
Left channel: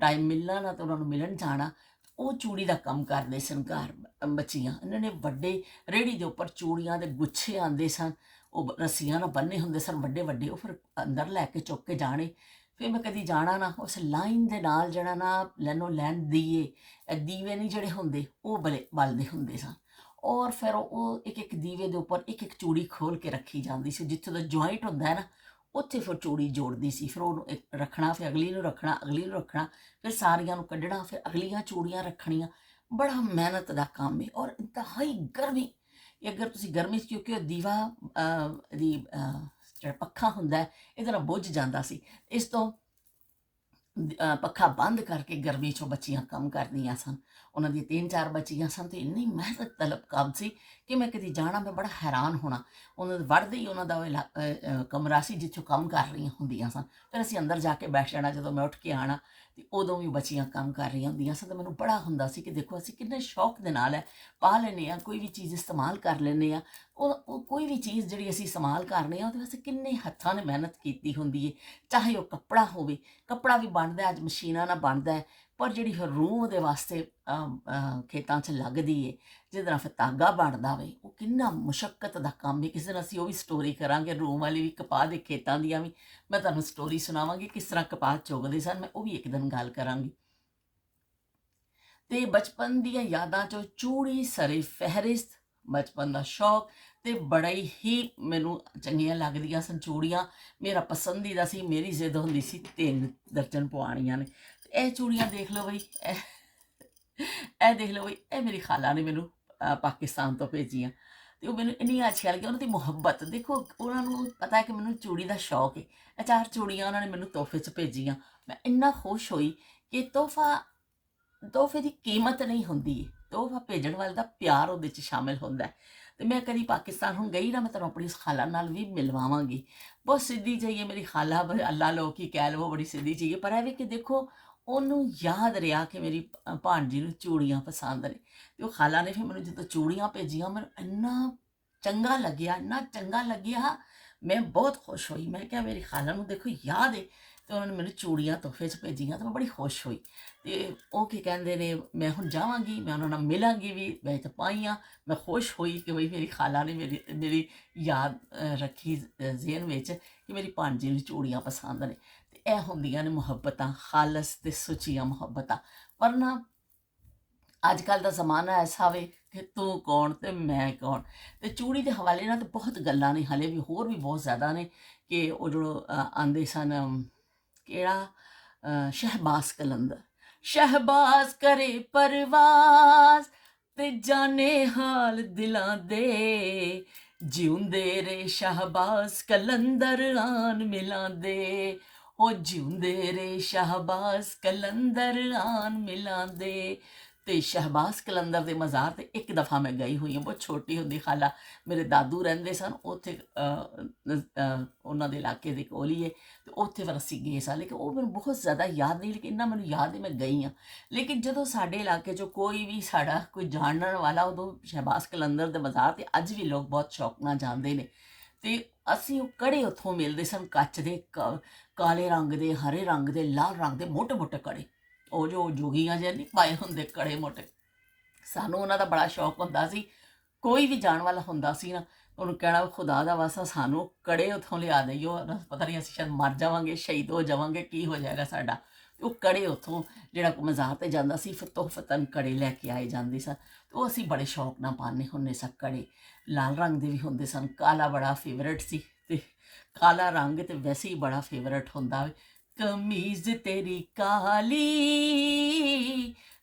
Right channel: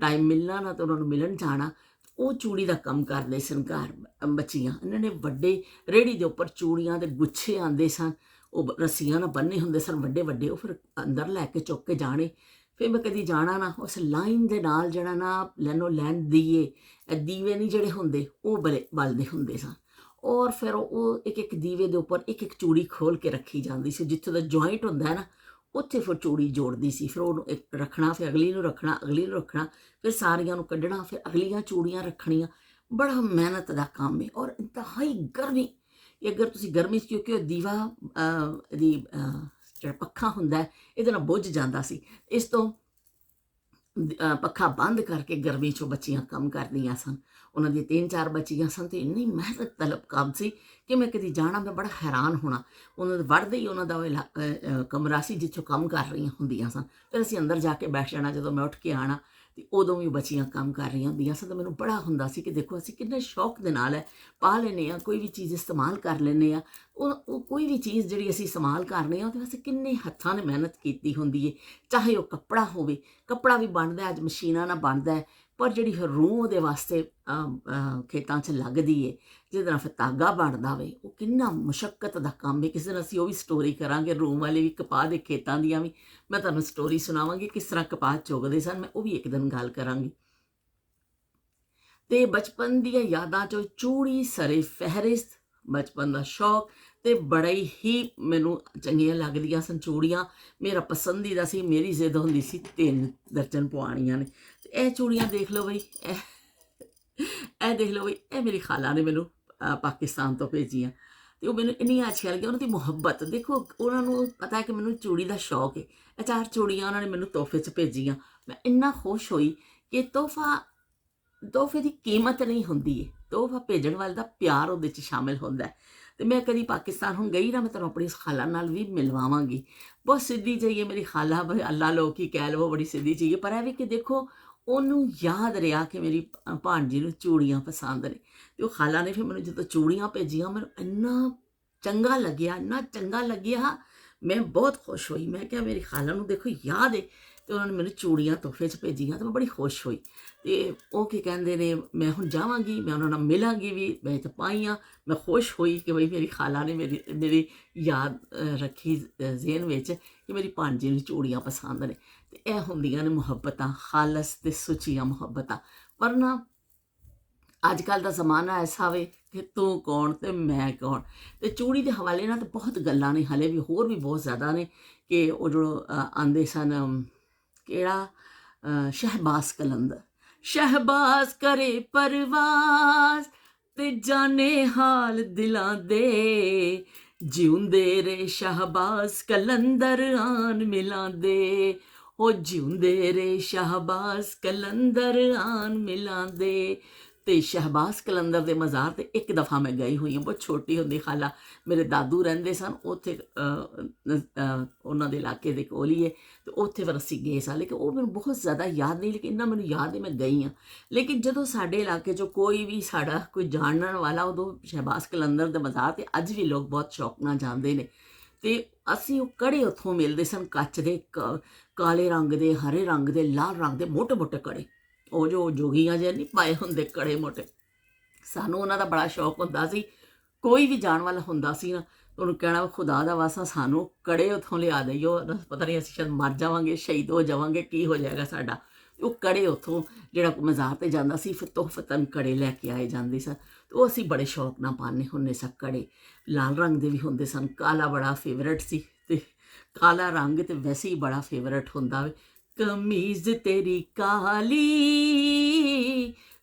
टाइम मिलना ना, तो उन्होंने मिलन जाना। वो चूड़ी का काम करते सन घर बच्चियाँ, इन्होंने वड्डे रेहड़ी के उपर चूड़ियाँ के गुच्छे आते सन, वो रस्सियां ना बन्ने होंदे सन वड्डे वड्डे, वो फिर अंदर लैके चुक के जाने। फिर मैं कदी जाना ना, उस लाइन के नाल जड़ा ना लैनो लैन दीवे नहीं जड़े होंदे वो बलदे होंदे सन, और फिर वो एक एक दीवे के उपर एक एक चूड़ी खोल के रखी जाती सी, जित्थों दा जॉइंट होंदा है ना, उत्थे फिर चूड़ी जोड़दी सी। फिर उहनूं एक रखना, फिर अगली नूं रखना, अगली नूं रखना, फिर सारियां नूं कड्ढना, फिर अगलियां चूड़ियां रखणियां। बड़ा मेहनत दा काम है, और इंतहाई गर्मी, अगर तुसीं गर्मी च, क्योंकि वो दीवा दी ਜਿਹੜਾ ਪੱਖਾ ਹੁੰਦਾ ਇਹਦੇ ਨਾਲ ਬੁੱਝ ਜਾਂਦਾ ਸੀ। ਇਸ ਤੋਂ ਪੱਖਾ ਬੰਦ ਕਰਕੇ ਗਰਮੀ 'ਚੋਂ ਬੱਚੀਆਂ ਕੰਮ ਕਰਦੀਆਂ ਸਨ। ਉਹਨਾਂ ਦੀਆਂ 3-4 ਬੱਚੀਆਂ ਸਨ, ਤੇ ਇੰਨੀ ਮਿਹਨਤ ਤਲਬ ਕੰਮ ਸੀ ਕਿ ਮੈਂ ਕਦੀ ਜਾਣਾ, ਮੈਂ ਬੜਾ ਹੈਰਾਨ ਹੋਣਾ। ਉਹਨਾਂ ਦੇ ਵੜਦੇ ਹੀ ਉਹਨਾਂ ਦਾ ਕਮਰਾ ਸੀ ਜਿੱਥੋਂ ਕੰਮ ਕਰ ਰਹੀਆਂ ਹੁੰਦੀਆਂ ਸਨ। ਫਿਰ ਅਸੀਂ ਅੰਦਰ ਜਾ ਕੇ ਬੈਠ ਜਾਣਾ। ਜਦੋਂ ਮੈਂ ਉੱਠ ਕੇ ਆਉਣਾ, ਤੇ ਉਦੋਂ ਵੀ ਬੱਚੀਆਂ ਕੰਮ ਕਰ ਰਹੀਆਂ ਹੁੰਦੀਆਂ ਸਨ। ਤਾਂ ਮੈਨੂੰ ਬੜਾ ਹੁੰਦਾ ਸੀ ਕਿ ਦੇਖੋ ਅਸੀਂ ਕਿੰਨੇ ਸ਼ੌਕ ਦੇ ਨਾਲ ਪਾ ਲੈਂਦੇ ਹਾਂ, ਕੋਈ ਵੀ ਚੀਜ਼ ਇਸਤੇਮਾਲ ਕਰ ਲੈਂਦੇ ਹਾਂ। ਉਹ ਕੋਈ ਵੀ ਚੀਜ਼ ਜਿਹੜੀ ਅਸੀਂ ਇਸਤੇਮਾਲ ਕਰਨੇ ਆ, ਉਹਦੇ ਵਾਸਤੇ ਕਿੰਨੇ ਹੱਥਾਂ ਨੇ ਮਿਹਨਤ ਕੀਤੀ ਹੁੰਦੀ ਹੈ। ਚਾਹੇ ਉਹ ਕੱਪੜਾ ਹੋਵੇ, ਕੱਪੜਾ ਵੀ ਬਣਦਾ ਅੱਜ ਮਸ਼ੀਨਾਂ ਨਾਲ ਬਣਦਾ ਹੈ, ਪਰ ਜਿਹੜੀ ਫਿਰ ਰੂੰ ਉਹਦੇ ਵਾਸਤੇ ਖੇਤਾਂ 'ਚ ਲੱਗਦੀ ਹੈ, ਜਿਹਦੇ ਨਾਲ ਫਿਰ ਧਾਗਾ ਬਣਦਾ ਵੇ, ਉਹ ਕਿੰਨਾ ਮੁਸ਼ੱਕਤ ਦਾ ਕੰਮ ਹੈ। ਕਿਸੇ ਦਿਨ ਅਸੀਂ ਉਹ ਵੀ ਸਟੋਰੀ ਕਰਾਂਗੇ, ਰੂੰ ਵਾਲੇ ਵੀ, ਕਪਾਹ ਦੇ ਖੇਤਾਂ ਦੀਆਂ ਵੀ ਮੈਂ ਤੁਹਾਨੂੰ ਸਟੋਰੀ ਸੁਣਾਵਾਂਗੀ, ਕਿਸ ਤਰ੍ਹਾਂ ਕਪਾਹ ਚੁਗਦੇ ਸਨ। ਮੈਂ ਉਹ ਵੀ ਇੱਕ ਦਿਨ ਗੱਲ ਕਰਾਂਗੀ। ਤੇ ਬਚਪਨ ਦੀਆਂ ਯਾਦਾਂ 'ਚੋਂ ਚੂੜੀ ਸਰੇ ਫਹਿਰਿਸਤ, ਬਚਪਨ ਦਾ ਸ਼ੌਕ ਤੇ ਬੜਾ ਹੀ ਮੈਨੂੰ ਚੰਗੀਆਂ ਲੱਗਦੀਆਂ ਸਨ ਚੂੜੀਆਂ। ਮੇਰਾ ਪਸੰਦੀਦਾ ਸੀ, ਮੇਰੀ ਜ਼ਿੱਦ ਹੁੰਦੀ ਸੀ 3 ਦਰਜਨ ਪਵਾਉਣੀਆਂ ਨੇ। ਤੇ ਇਹ ਚੂੜੀਆਂ ਦੇਖ ਲਓ ਬਈ, ਇਹ ਦੇਖ ਲਓ ਬਈ, ਇਹ ਮੇਰੀ ਖਾਲਾ ਨੇ ਮੈਨੂੰ ਪਾਕਿਸਤਾਨ ਤੋਂ ਭੇਜੀਆਂ। ਤੇ ਉਹ ਮੈਨੂੰ ਇੰਨੀਆਂ ਅੱਛੀਆਂ ਲੱਗੀਆਂ, ਉਹਨਾਂ ਦੀ ਮੁਹੱਬਤ ਦੇਖੋ, ਉਹਨਾਂ ਨੂੰ ਪਤਾ ਹੈ ਕਿ ਮੈਨੂੰ ਚੂੜੀ ਦਾ ਸ਼ੌਕ ਹੈ। ਇਹ 4 ਚੂੜੀਆਂ ਉਹਨਾਂ ਨੇ ਮੈਨੂੰ ਤੋਹਫੇ 'ਚ ਭੇਜੀਆਂ। ਮੈਂ ਇੰਨਾ ਖੁਸ਼ ਹੋਈ ਕਿ ਤੋਹਫੇ ਦੀ ਕੀਮਤ ਨਹੀਂ ਹੁੰਦੀ ਹੈ, ਤੋਹਫਾ ਭੇਜਣ ਵਾਲੇ ਦਾ ਪਿਆਰ ਉਹਦੇ 'ਚ ਸ਼ਾਮਿਲ ਹੁੰਦਾ ਹੈ। ਤੇ ਮੈਂ ਕਦੀ ਪਾਕਿਸਤਾਨ ਹੁਣ ਗਈ ਨਾ, ਮੈਂ ਤੁਹਾਨੂੰ ਆਪਣੀ ਇਸ ਖਾਲਾ ਨਾਲ ਵੀ ਮਿਲਵਾਵਾਂਗੀ। ਬਹੁਤ ਸਿੱਧੀ ਜਿਹੀ ਹੈ ਮੇਰੀ ਖਾਲਾ, ਅੱਲਾ ਲੋਕ ਹੀ ਕਹਿ ਲਵੋ, ਬੜੀ ਸਿੱਧੀ ਚੀਜ਼ ਹੈ। ਪਰ ਇਹ ਵੀ ਕਿ ਦੇਖੋ, ਉਹਨੂੰ ਯਾਦ ਰਿਹਾ ਕਿ ਮੇਰੀ ਭਾਣਜੀ ਨੂੰ ਚੂੜੀਆਂ ਪਸੰਦ ਨੇ। ਤੇ ਉਹ ਖਾਲਾ ਨੇ ਫਿਰ ਮੈਨੂੰ ਜਦੋਂ ਚੂੜੀਆਂ ਭੇਜੀਆਂ, ਮੈਨੂੰ ਇੰਨਾ ਚੰਗਾ ਲੱਗਿਆ, ਇੰਨਾ ਚੰਗਾ ਲੱਗਿਆ, ਮੈਂ ਬਹੁਤ ਖੁਸ਼ ਹੋਈ। ਮੈਂ ਕਿਹਾ ਮੇਰੀ ਖਾਲਾ ਨੂੰ ਦੇਖੋ ਯਾਦ ਹੈ, ਤੇ ਉਹਨਾਂ ਨੇ ਮੈਨੂੰ ਚੂੜੀਆਂ ਤੋਹਫੇ 'ਚ ਭੇਜੀਆਂ, ਤੇ ਮੈਂ ਬੜੀ ਖੁਸ਼ ਹੋਈ। ਤੇ ਉਹ ਕੀ ਕਹਿੰਦੇ ਨੇ, ਮੈਂ ਹੁਣ ਜਾਵਾਂਗੀ, ਮੈਂ ਉਹਨਾਂ ਨਾਲ ਮਿਲਾਂਗੀ ਵੀ, ਮੈਂ ਤਾਂ ਪਾਈਆਂ। ਮੈਂ ਖੁਸ਼ ਹੋਈ ਕਿ ਬਈ ਮੇਰੀ ਖਾਲਾ ਨੇ ਮੇਰੀ ਯਾਦ ਰੱਖੀ ਜ਼ਿਹਨ ਵਿੱਚ ਕਿ ਮੇਰੀ ਭਾਣਜੀ ਨੂੰ ਚੂੜੀਆਂ ਪਸੰਦ ਨੇ। ਤੇ ਇਹ ਹੁੰਦੀਆਂ ਨੇ ਮੁਹੱਬਤਾਂ, ਖਾਲਸ ਤੇ ਸੁੱਚੀਆਂ ਮੁਹੱਬਤਾਂ। ਪਰ ਨਾ ਅੱਜ ਕੱਲ੍ਹ ਦਾ ਜ਼ਮਾਨਾ ਐਸਾ ਵੇ ਕਿ ਤੂੰ ਕੌਣ ਤੇ ਮੈਂ ਕੌਣ। ਤੇ ਚੂੜੀ ਦੇ ਹਵਾਲੇ ਨਾਲ ਤਾਂ ਬਹੁਤ ਗੱਲਾਂ ਨੇ, ਹਲੇ ਵੀ ਹੋਰ ਵੀ ਬਹੁਤ ਜ਼ਿਆਦਾ ਨੇ। ਕਿ ਉਹ ਜੋ ਆਉਂਦੇ ਸਨ, ਕਿਹੜਾ ਸ਼ਹਿਬਾਜ਼ ਕਲੰਦਰ, ਸ਼ਹਿਬਾਜ਼ ਕਰੇ ਪਰਵਾਜ਼ ਤੇ ਜਾਣੇ ਹਾਲ ਦਿਲਾਂ ਦੇ, ਜਿਉਂਦੇ ਰੇ ਸ਼ਹਿਬਾਜ਼ ਕਲੰਦਰ ਆਨ ਮਿਲਾਂ ਦੇ, ਉਹ ਜਿਉਂਦੇ ਰੇ ਸ਼ਹਿਬਾਜ਼ ਕਲੰਦਰ ਆਨ ਮਿਲਾਂ ਦੇ। ਤੇ ਸ਼ਹਿਬਾਜ਼ ਕਲੰਦਰ ਦੇ ਮਜ਼ਾਰ ਤੇ ਇੱਕ ਦਫਾ ਮੈਂ ਗਈ ਹੋਈ ਹਾਂ, ਬਹੁਤ ਛੋਟੀ ਹੁੰਦੀ। ਖਾਲਾ ਮੇਰੇ ਦਾਦੂ ਰਹਿੰਦੇ ਸਨ ਉੱਥੇ, ਉਹਨਾਂ ਦੇ ਇਲਾਕੇ ਦੇ ਕੋਲ ਹੀ ਹੈ। ਤੇ ਉੱਥੇ ਫਿਰ ਅਸੀਂ ਗਏ ਸਾਂ, ਲੇਕਿਨ ਉਹ ਮੈਨੂੰ ਬਹੁਤ ਜ਼ਿਆਦਾ ਯਾਦ ਨਹੀਂ, ਲੇਕਿਨ ਇੰਨਾ ਮੈਨੂੰ ਯਾਦ ਹੈ ਮੈਂ ਗਈ ਹਾਂ। ਲੇਕਿਨ ਜਦੋਂ ਸਾਡੇ ਇਲਾਕੇ 'ਚੋਂ ਕੋਈ ਵੀ ਸਾਡਾ ਕੋਈ ਜਾਣਨ ਵਾਲਾ, ਉਦੋਂ ਸ਼ਹਿਬਾਜ਼ ਕਲੰਦਰ ਦੇ ਮਜ਼ਾਰ ਤੇ ਅੱਜ ਵੀ ਲੋਕ ਬਹੁਤ ਸ਼ੌਕ ਨਾਲ ਜਾਂਦੇ ਨੇ। ਤੇ ਅਸੀਂ ਉਹ ਕੜੇ ਉੱਥੋਂ ਮਿਲਦੇ ਸਨ, ਕੱਚ ਦੇ, ਕਾਲੇ ਰੰਗ ਦੇ, ਹਰੇ ਰੰਗ ਦੇ, ਲਾਲ ਰੰਗ ਦੇ, ਮੋਟੇ ਮੋਟੇ ਕੜੇ। ਉਹ ਜੋ ਜੋਗੀਆਂ ਜਿਹੇ ਨਹੀਂ ਪਾਏ ਹੁੰਦੇ ਕੜੇ ਮੋਟੇ, ਸਾਨੂੰ ਉਹਨਾਂ ਦਾ ਬੜਾ ਸ਼ੌਕ ਹੁੰਦਾ ਸੀ। ਕੋਈ ਵੀ ਜਾਣ ਵਾਲਾ ਹੁੰਦਾ ਸੀ ਨਾ, ਉਹਨੂੰ ਕਹਿਣਾ ਖੁਦਾ ਦਾ ਵਾਸਤਾ ਸਾਨੂੰ ਕੜੇ ਉੱਥੋਂ ਲਿਆ ਦਈਓ, ਪਤਾ ਨਹੀਂ ਅਸੀਂ ਸ਼ਾਇਦ ਮਰ ਜਾਵਾਂਗੇ, ਸ਼ਹੀਦ ਹੋ ਜਾਵਾਂਗੇ, ਕੀ ਹੋ ਜਾਏਗਾ ਸਾਡਾ। ਉਹ ਕੜੇ ਉੱਥੋਂ ਜਿਹੜਾ ਮਜ਼ਾਰ 'ਤੇ ਜਾਂਦਾ ਸੀ, ਫਿਰ ਤੋਹਫਤਨ ਕੜੇ ਲੈ ਕੇ ਆਏ ਜਾਂਦੇ ਸਨ। ਤੇ ਉਹ ਅਸੀਂ ਬੜੇ ਸ਼ੌਕ ਨਾਲ ਪਾਉਂਦੇ ਹੁੰਦੇ ਸਾਂ ਕੜੇ। ਲਾਲ ਰੰਗ ਦੇ ਵੀ ਹੁੰਦੇ ਸਨ, ਕਾਲਾ ਬੜਾ ਫੇਵਰਟ ਸੀ। ਤੇ ਕਾਲਾ ਰੰਗ ਤੇ ਵੈਸੇ ਹੀ ਬੜਾ ਫੇਵਰਟ ਹੁੰਦਾ ਵੇ। ਕਮੀਜ਼ ਤੇਰੀ ਕਾਲੀ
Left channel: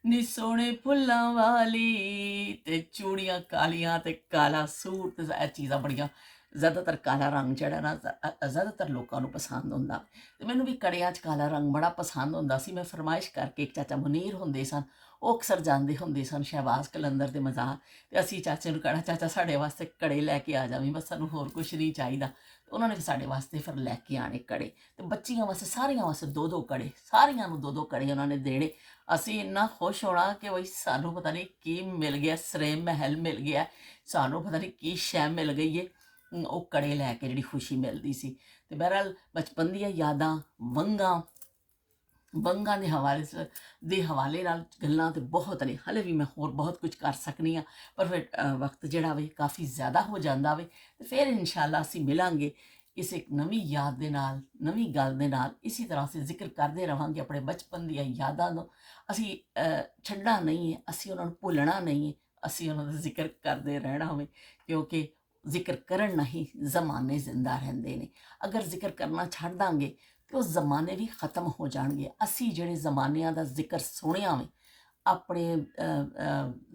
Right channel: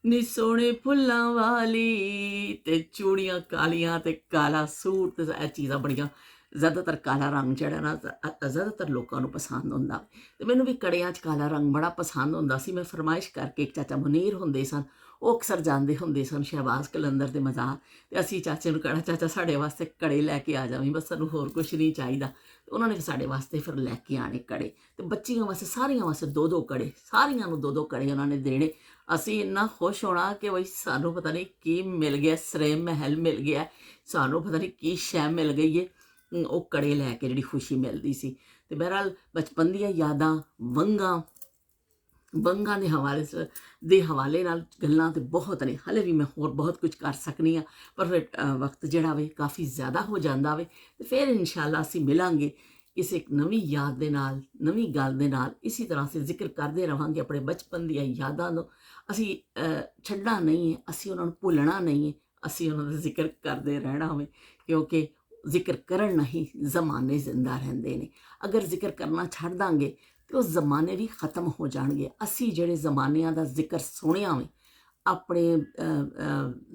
ਨੀ ਸੋਹਣੇ ਫੁੱਲਾਂ ਵਾਲੀ, ਤੇ ਚੂੜੀਆਂ ਕਾਲੀਆਂ ਤੇ ਕਾਲਾ ਸੂਟ। ਤੇ ਇਹ ਚੀਜ਼ਾਂ ਬੜੀਆਂ, ਜ਼ਿਆਦਾਤਰ ਕਾਲਾ ਰੰਗ ਜਿਹੜਾ ਨਾ ਜ਼ਿਆਦਾਤਰ ਲੋਕਾਂ ਨੂੰ ਪਸੰਦ ਹੁੰਦਾ। ਤੇ ਮੈਨੂੰ ਵੀ ਕੜਿਆਂ 'ਚ ਕਾਲਾ ਰੰਗ ਬੜਾ ਪਸੰਦ ਹੁੰਦਾ ਸੀ। ਮੈਂ ਫਰਮਾਇਸ਼ ਕਰਕੇ, ਇੱਕ ਚਾਚਾ ਮੁਨੀਰ ਹੁੰਦੇ ਸਨ, ਉਹ ਅਕਸਰ ਜਾਂਦੇ ਹੁੰਦੇ ਸਨ ਸ਼ਹਿਬਾਜ਼ ਕਲੰਦਰ ਦੇ ਮਜ਼ਾਰ। ਤੇ ਅਸੀਂ ਚਾਚੇ ਨੂੰ ਕਹਿਣਾ, ਚਾਚਾ ਸਾਡੇ ਵਾਸਤੇ ਕੜੇ ਲੈ ਕੇ ਆ ਜਾਵੀਂ, ਬਸ ਸਾਨੂੰ ਹੋਰ ਕੁਛ ਨਹੀਂ ਚਾਹੀਦਾ। ਤੇ ਉਹਨਾਂ ਨੇ ਸਾਡੇ ਵਾਸਤੇ ਫਿਰ ਲੈ ਕੇ ਆਣੇ ਕੜੇ। ਤੇ ਬੱਚੀਆਂ ਵਾਸਤੇ, ਸਾਰੀਆਂ ਵਾਸਤੇ 2-2 ਕੜੇ, ਸਾਰੀਆਂ ਨੂੰ 2-2 ਕੜੇ ਉਹਨਾਂ ਨੇ ਦੇਣੇ। ਅਸੀਂ ਇੰਨਾ ਖੁਸ਼ ਹੋਣਾ ਕਿ ਬਈ ਸਾਨੂੰ ਪਤਾ ਨਹੀਂ ਕੀ ਮਿਲ ਗਿਆ, ਸਰੇ ਮਹਿਲ ਮਿਲ ਗਿਆ, ਸਾਨੂੰ ਪਤਾ ਨਹੀਂ ਕੀ ਸ਼ੈ ਮਿਲ ਗਈ ਹੈ। ਉਹ ਕੜੇ ਲੈ ਕੇ ਜਿਹੜੀ ਖੁਸ਼ੀ ਮਿਲਦੀ ਸੀ। ਤੇ ਬਹਰਹਾਲ ਬਚਪਨ ਦੀਆਂ ਯਾਦਾਂ, ਵੰਗਾਂ ਦੇ ਹਵਾਲੇ ਨਾਲ ਗੱਲਾਂ ਤੇ ਬਹੁਤ ਨੇ। ਹਲੇ ਵੀ ਮੈਂ ਹੋਰ ਬਹੁਤ ਕੁਝ ਕਰ ਸਕਦੀ ਹਾਂ, ਪਰ ਫਿਰ ਵਕਤ ਜਿਹੜਾ ਵੇ ਕਾਫੀ ਜ਼ਿਆਦਾ ਹੋ ਜਾਂਦਾ ਵੇ। ਤੇ ਫਿਰ ਇਨਸ਼ਾਅੱਲਾ ਅਸੀਂ ਮਿਲਾਂਗੇ ਕਿਸੇ ਇੱਕ ਨਵੀਂ ਯਾਦ ਦੇ ਨਾਲ, ਨਵੀਂ ਗੱਲ ਦੇ ਨਾਲ। ਇਸੇ ਤਰ੍ਹਾਂ ਅਸੀਂ ਜ਼ਿਕਰ ਕਰਦੇ ਰਹਾਂਗੇ ਆਪਣੇ ਬਚਪਨ ਦੀਆਂ ਯਾਦਾਂ ਨੂੰ। ਅਸੀਂ ਛੱਡਣਾ ਨਹੀਂ ਹੈ, ਅਸੀਂ ਉਹਨਾਂ ਨੂੰ ਭੁੱਲਣਾ ਨਹੀਂ ਹੈ, ਅਸੀਂ ਉਹਨਾਂ ਦਾ ਜ਼ਿਕਰ ਕਰਦੇ ਰਹਿਣਾ ਹੋਵੇ, ਕਿਉਂਕਿ ਜ਼ਿਕਰ ਕਰਨ ਨਾਲ ਹੀ ਜ਼ਮਾਨੇ ਜ਼ਿੰਦਾ ਰਹਿੰਦੇ ਨੇ। ਅਗਰ ਜ਼ਿਕਰ ਕਰਨਾ ਛੱਡ ਦਾਂਗੇ ਤੇ ਉਹ ਜ਼ਮਾਨੇ ਵੀ ਖਤਮ ਹੋ ਜਾਣਗੇ। ਅਸੀਂ ਜਿਹੜੇ ਜ਼ਮਾਨਿਆਂ ਦਾ ਜ਼ਿਕਰ ਸੁਣਿਆ ਵੇ ਆਪਣੇ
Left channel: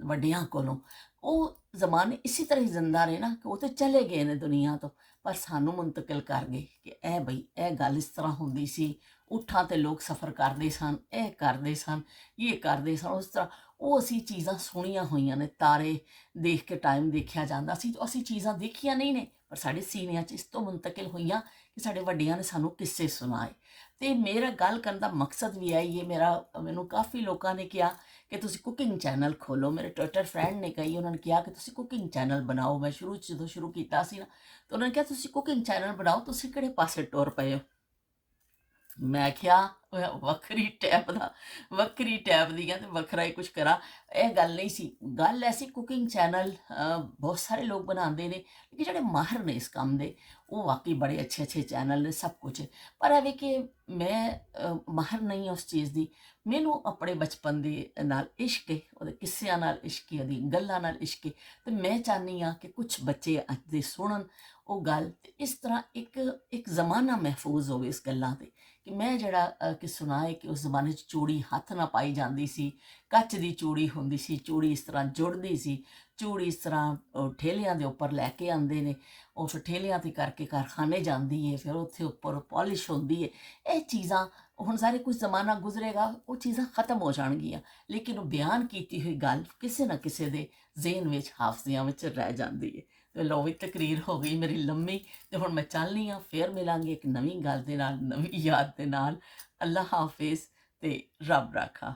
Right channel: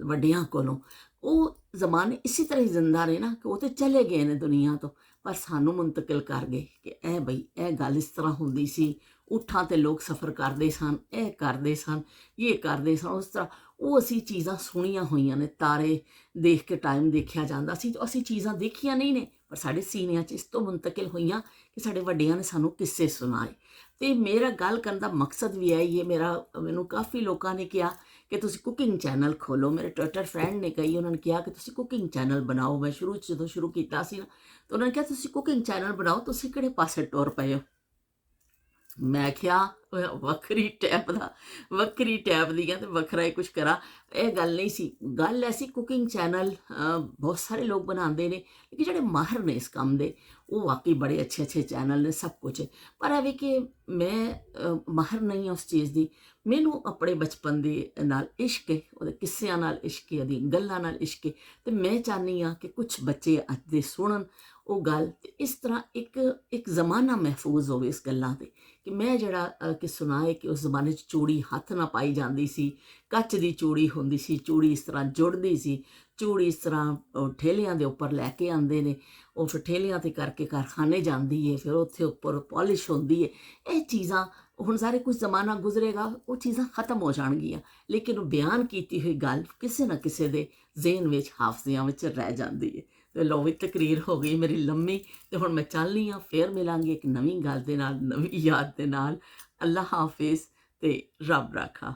ਵੱਡਿਆਂ ਕੋਲੋਂ, ਉਹ ਜ਼ਮਾਨੇ ਇਸੇ ਤਰ੍ਹਾਂ ਹੀ ਜ਼ਿੰਦਾ ਰਹੇ ਨਾ, ਕਿ ਉਹ ਤਾਂ ਚਲੇ ਗਏ ਨੇ ਦੁਨੀਆ ਤੋਂ, ਪਰ ਸਾਨੂੰ ਮੁੰਤਕਿਲ ਕਰ ਗਏ ਕਿ ਇਹ ਬਈ ਇਹ ਗੱਲ ਇਸ ਤਰ੍ਹਾਂ ਹੁੰਦੀ ਸੀ। ਊਠਾਂ 'ਤੇ ਲੋਕ ਸਫ਼ਰ ਕਰਦੇ ਸਨ, ਇਹ ਕਰਦੇ ਸਨ, ਇਹ ਕਰਦੇ ਸਨ, ਉਸ ਤਰ੍ਹਾਂ। ਉਹ ਅਸੀਂ ਚੀਜ਼ਾਂ ਸੁਣੀਆਂ ਹੋਈਆਂ ਨੇ। ਤਾਰੇ ਦੇਖ ਕੇ ਟਾਈਮ ਦੇਖਿਆ ਜਾਂਦਾ ਸੀ, ਅਸੀਂ ਚੀਜ਼ਾਂ ਦੇਖੀਆਂ ਨਹੀਂ ਨੇ, ਪਰ ਸਾਡੇ ਸੀਨਿਆਂ 'ਚ ਇਸ ਤੋਂ ਮੁੰਤਕਿਲ ਹੋਈਆਂ ਕਿ ਸਾਡੇ ਵੱਡਿਆਂ ਨੇ ਸਾਨੂੰ ਕਿੱਸੇ ਸੁਣਾਏ। ਤੇ ਮੇਰਾ ਗੱਲ ਕਰਨ ਦਾ ਮਕਸਦ ਵੀ ਇਹੀ ਹੈ। ਮੈਨੂੰ ਕਾਫੀ ਲੋਕਾਂ ਨੇ ਕਿਹਾ ਕਿ ਤੁਸੀਂ ਕੁਕਿੰਗ ਚੈਨਲ ਖੋਲੋ। ਮੇਰੇ ਟਵਿੱਟਰ ਫਰੈਂਡ ਨੇ ਕਹੀ, ਉਹਨਾਂ ਨੇ ਕਿਹਾ ਕਿ ਤੁਸੀਂ ਕੁਕਿੰਗ ਚੈਨਲ ਬਣਾਓ। ਮੈਂ ਜਦੋਂ ਸ਼ੁਰੂ ਕੀਤਾ ਸੀ ਨਾ, ਤਾਂ ਉਹਨਾਂ ਨੇ ਕਿਹਾ ਤੁਸੀਂ ਕੁਕਿੰਗ ਚੈਨਲ ਬਣਾਓ, ਤੁਸੀਂ ਕਿਹੜੇ ਪਾਸੇ ਟੁਰ ਪਏ ਹੋ। ਮੈਂ ਕਿਹਾ ਵੱਖਰੀ ਟੈਪ ਦੀਆਂ ਤੇ ਵੱਖਰਾ ਹੀ ਕੁਛ ਕਰਾਂ। ਇਹ ਗੱਲ ਨਹੀਂ ਸੀ। ਗੱਲ ਐਸੀ ਕੁਕਿੰਗ ਚੈਨਲ ਬਹੁਤ ਸਾਰੇ ਲੋਕ ਬਣਾਉਂਦੇ ਨੇ, ਲੇਕਿਨ ਜਿਹੜੇ ਮਾਹਰ ਨੇ ਇਸ ਕੰਮ ਦੇ ਉਹ ਵਾਕਈ ਬੜੇ ਅੱਛੇ ਅੱਛੇ ਚੈਨਲ ਨੇ, ਸਭ ਕੁਛ ਹੈ। ਪਰ ਇਹ ਵੀ ਕਿ ਮੈਂ ਮਾਹਰ ਨਹੀਂ ਹਾਂ ਉਸ ਚੀਜ਼ ਦੀ। ਮੈਨੂੰ ਆਪਣੇ ਬਚਪਨ ਦੇ ਨਾਲ ਇਸ਼ਕ ਹੈ, ਉਹਦੇ ਕਿੱਸਿਆਂ ਨਾਲ ਇਸ਼ਕ ਹੈ, ਉਹਦੀ ਗੱਲਾਂ ਨਾਲ ਇਸ਼ਕ ਹੈ। ਤੇ ਮੈਂ ਚਾਹੁੰਦੀ ਹਾਂ ਕਿ ਕੁਛ ਬੱਚੇ ਅੱਜ ਦੇ ਸੁਣਨ ਉਹ ਗੱਲ, ਤੇ ਇਸ ਤਰ੍ਹਾਂ ਇੱਕ ਇੱਕ ਜ਼ਮਾਨਾ ਮਹਿਫੂਜ਼ ਹੋਵੇ ਇਸ ਗੱਲਾਂ 'ਤੇ। ਕਿ ਮੈਂ ਜਿਹੜਾ ਕਿ ਸੁਣਾ ਹੈ ਕਿ ਉਸ ਜ਼ਮਾਨੇ 'ਚ ਚੂੜੀ ਹੱਥ ਨਾਲ ਪਾਈ ਜਾਂਦੀ ਸੀ, ਕੱਚ ਦੀ ਚੂੜੀ ਹੁੰਦੀ ਸੀ, ਚੂੜੀ ਇਸ ਤਰ੍ਹਾਂ ਜੁੜਦੀ ਸੀ, ਚੂੜੀ ਇਸ ਤਰ੍ਹਾਂ ਠੇਲਿਆਂ ਦੇ ਉੱਪਰ ਲੈ ਕੇ ਆਉਂਦੇ ਨੇ, ਉਹ ਫਿਰ ਠੇਲਿਆਂ 'ਤੇ ਕਰਕੇ ਕਾਰਖਾਨੇ ਜਾਂਦੀ ਹੈ, ਫਿਰ ਉੱਥੇ ਉੱਪਰ ਪਾਲਿਸ਼ ਹੁੰਦੀ ਹੈ। ਇਹ ਚੀਜ਼ਾਂ ਹੁਣ ਸਾਰੇ ਕੁਝ ਜ਼ਮਾਨਾ ਗੁਜ਼ਰੇਗਾ, ਉਹ ਚੀਜ਼ਾਂ ਖਤਮ ਹੋ ਜਾਣਗੀਆਂ, ਲੇਕਿਨ ਉਹ ਬਿਆਨ ਕੀਤੀ ਹੋਈ ਗੱਲ ਕਿਸੇ ਨਾ ਕਿਸੇ ਦੇ ਜ਼ਿਹਨ ਵਿੱਚ, ਹਾਫਜ਼ਿਆਂ ਵਿੱਚ ਰਹਿ ਜਾਂਦੀ ਹੈ। ਤੇ ਲਓ ਵੀ ਤਕਰੀਰ ਹੋ ਗਈ ਮੇਰੀ ਲੰਮੀ, ਤੇ ਹੁਣ ਮੈਂ ਚੱਲਨੀ ਹਾਂ। ਫੇਰ ਮਿਲਾਂਗੀ ਇੱਕ ਨਵੀਂ ਗੱਲ ਦੇ ਨਾਲ, ਨਵੀਂ ਯਾਦ ਦੇ ਨਾਲ। ਅੱਲਾ ਹਾਫਿਜ਼ ਤੇ ਰੱਬ ਰਾਖਾ।